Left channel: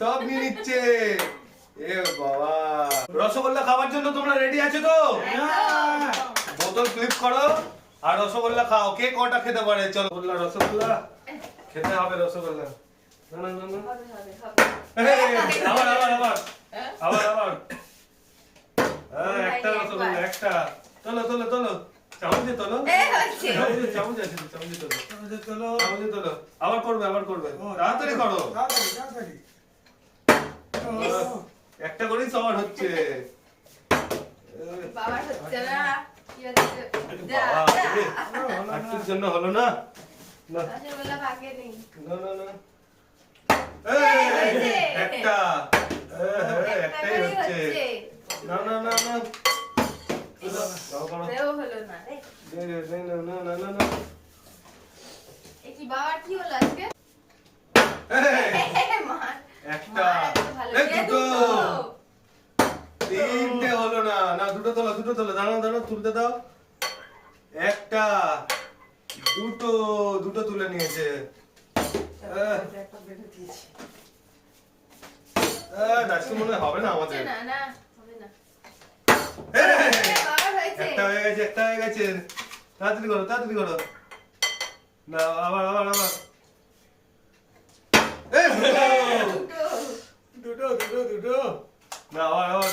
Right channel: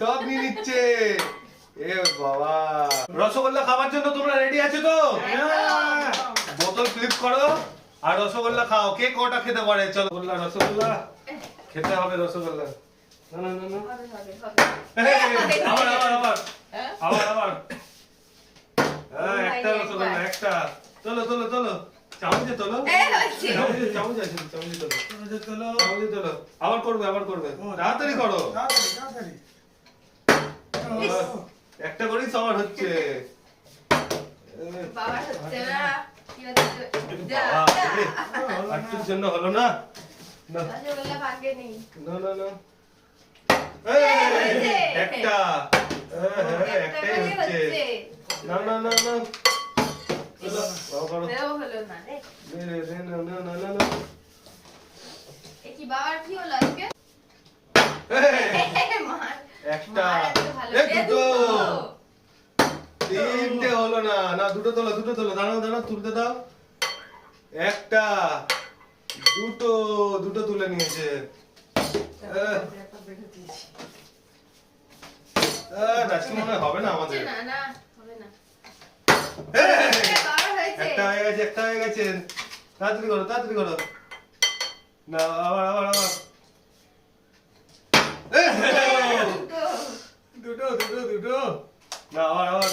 সব নিয়ে নিচ্ছে। এ বাবা, রসগোল্লা খাওয়ার জন্য তোমরা রেডি আছো তো? বোতল ফ্লিপ করো আর রসগোল্লা খাও। কে কটা খেতে পারে? চলো রসগোল্লা খেতে হবে। রসগোল্লা আবার একটা রসগোল্লা একটা। তোলো তোলো তোলো, চামচে তোলো, চামচে আছে, চামচে তোলো, চামচে তোলো। আবার করবে, আবার করবে, তাড়াতাড়ি করো। একটা করেই সবার হচ্ছে। আটটুর জন্য হলো না। একটা একটাই হচ্ছে। না না না না, তিনটে হলো না। না দুটো তোলো, দুটো তোলো, দাঁড়াও দাঁড়াও, তুলতে দাও। একটা দুটো, দুটো তুলে নিয়েছে। মনে হবে না আমাদের। একটা হয়ে গেছে, একটা হয়ে গেছে। তাড়াতাড়ি করো, তাড়াতাড়ি করো। না আবার আবার আবার। দুটো দুটো দুটো। না আবার আবার।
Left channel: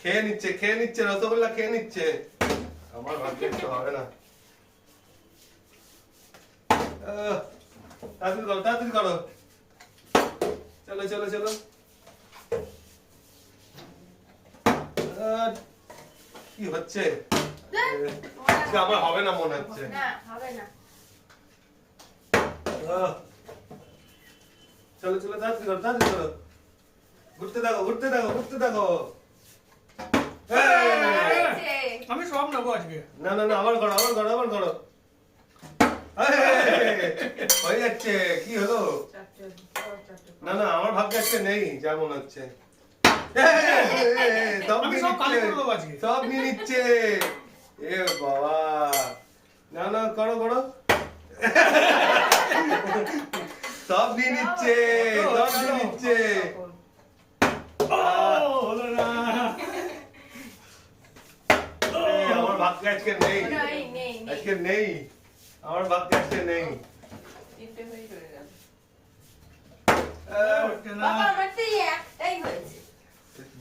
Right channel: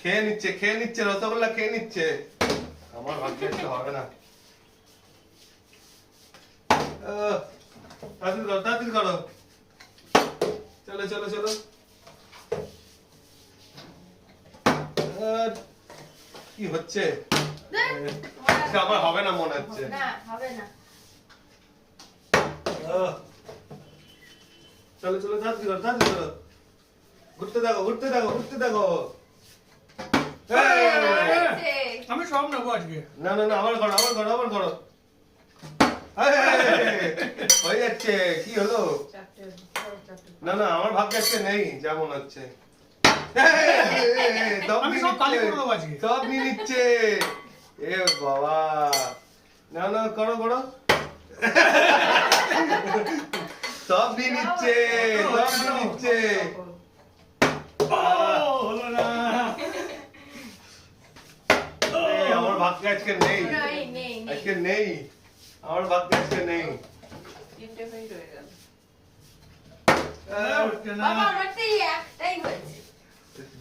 খেয়ে নিচ্ছে, খেয়ে নিচ্ছে, রসগোল্লা খেয়ে নিচ্ছে। আমার ভাগ্যে হবে না। তাড়াতাড়ি করো, তাড়াতাড়ি করো। চলো চলো চলো। কি হচ্ছে? আমার হবে না মনে হচ্ছে। চলো চলো, তাড়াতাড়ি করো, তাড়াতাড়ি করো। ঘুরতে থাকো, ঘুরতে থাকো, ঘুরতে থাকো। আমি সব নেবো আজকে। না না না, আবার করো, আবার করো, আবার করো। হয়ে যাচ্ছে। কি হলো? না না, আমার ভাগ্যে আজকে নেই যা মনে হচ্ছে। সব নিয়ে নিচ্ছে। এ বাবা, না না, করো করো। সব নিয়ে নিচ্ছে, সব নিয়ে নিচ্ছে। হলো না। আমার ভাগ্যে আজকে নেই, আজকে নেই, আমার ভাগ্যে আজকে নেই।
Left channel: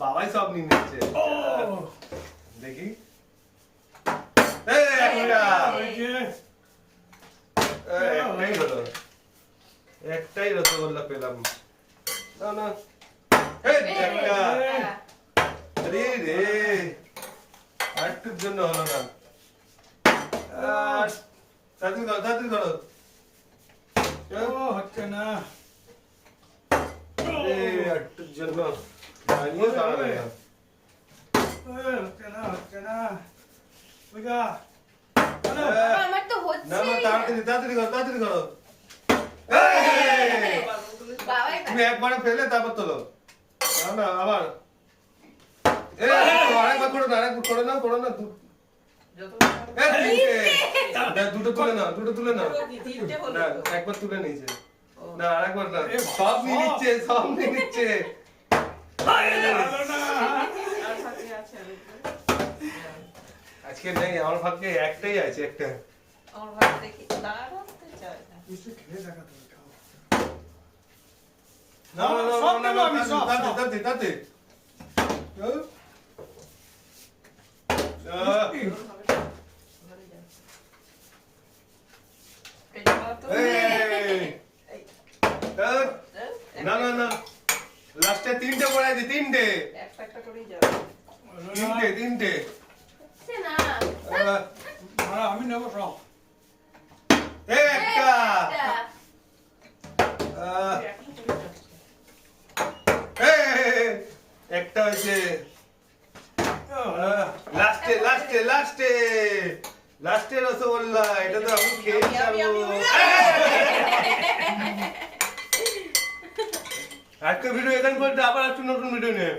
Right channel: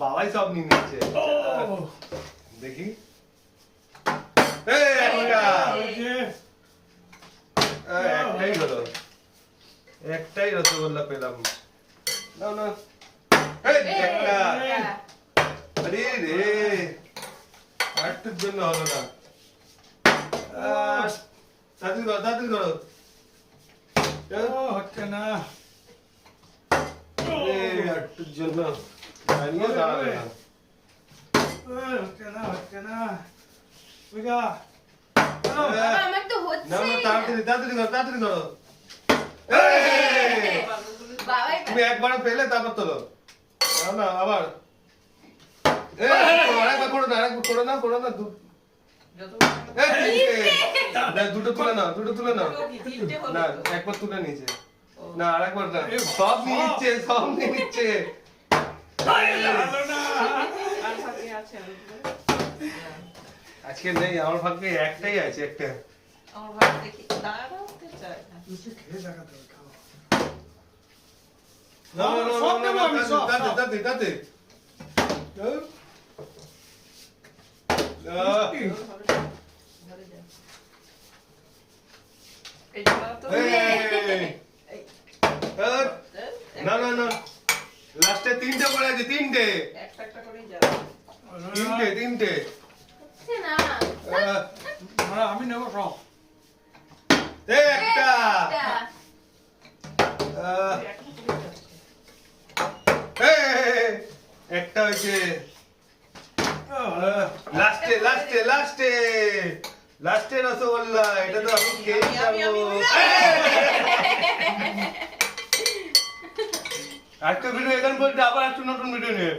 বাবাই সব নিয়ে নিচ্ছে। দেখি, একটাই হলো, একটাই রসগোল্লা পেলাম। না না, একটা। আরে রে, আটটুর জন্য হলো না। তাড়াতাড়ি করো, তাড়াতাড়ি করো। হচ্ছে না। আটটুর জন্য দাঁড়িয়ে দাঁড়াবে না। হচ্ছে না, হচ্ছে না। না না, তাড়াতাড়ি তাড়াতাড়ি করো, তাড়াতাড়ি করো। তুমি একবারে ফেলে তারপর তোলো। না না, আবার আরেকবার করো না, আরেকবার করো না, করো না। দুটো তুলে নাও, দুটো তুলে নাও। না, একবার তুলে নিয়েছে। না আরেকবার না, সব নিয়ে নিচ্ছে, সব নিয়ে নিচ্ছে। আজকে নেই, আমার ভাগ্যে একটাই আছে, একটা। আমার ভাগ্যে দেখি দাঁড়াতে চায় না। না না না, সব নেবো আমি, সব তাতে তাতে। না না না, লাস্টে তিনটে পড়ে আছে, তিনটে। একটা একটা করেই যাবে। তিনটে তিনটে। আমি নেবো সব। একটা। একটা হয়েছে। লাস্টে লাস্টে লাস্টে লাস্টে রসগোল্লা। এটা তো আমি খেয়ে যাবো। আজকে ভিডিও এখানে বলতে, আবার একটা নতুন ভিডিও নিয়ে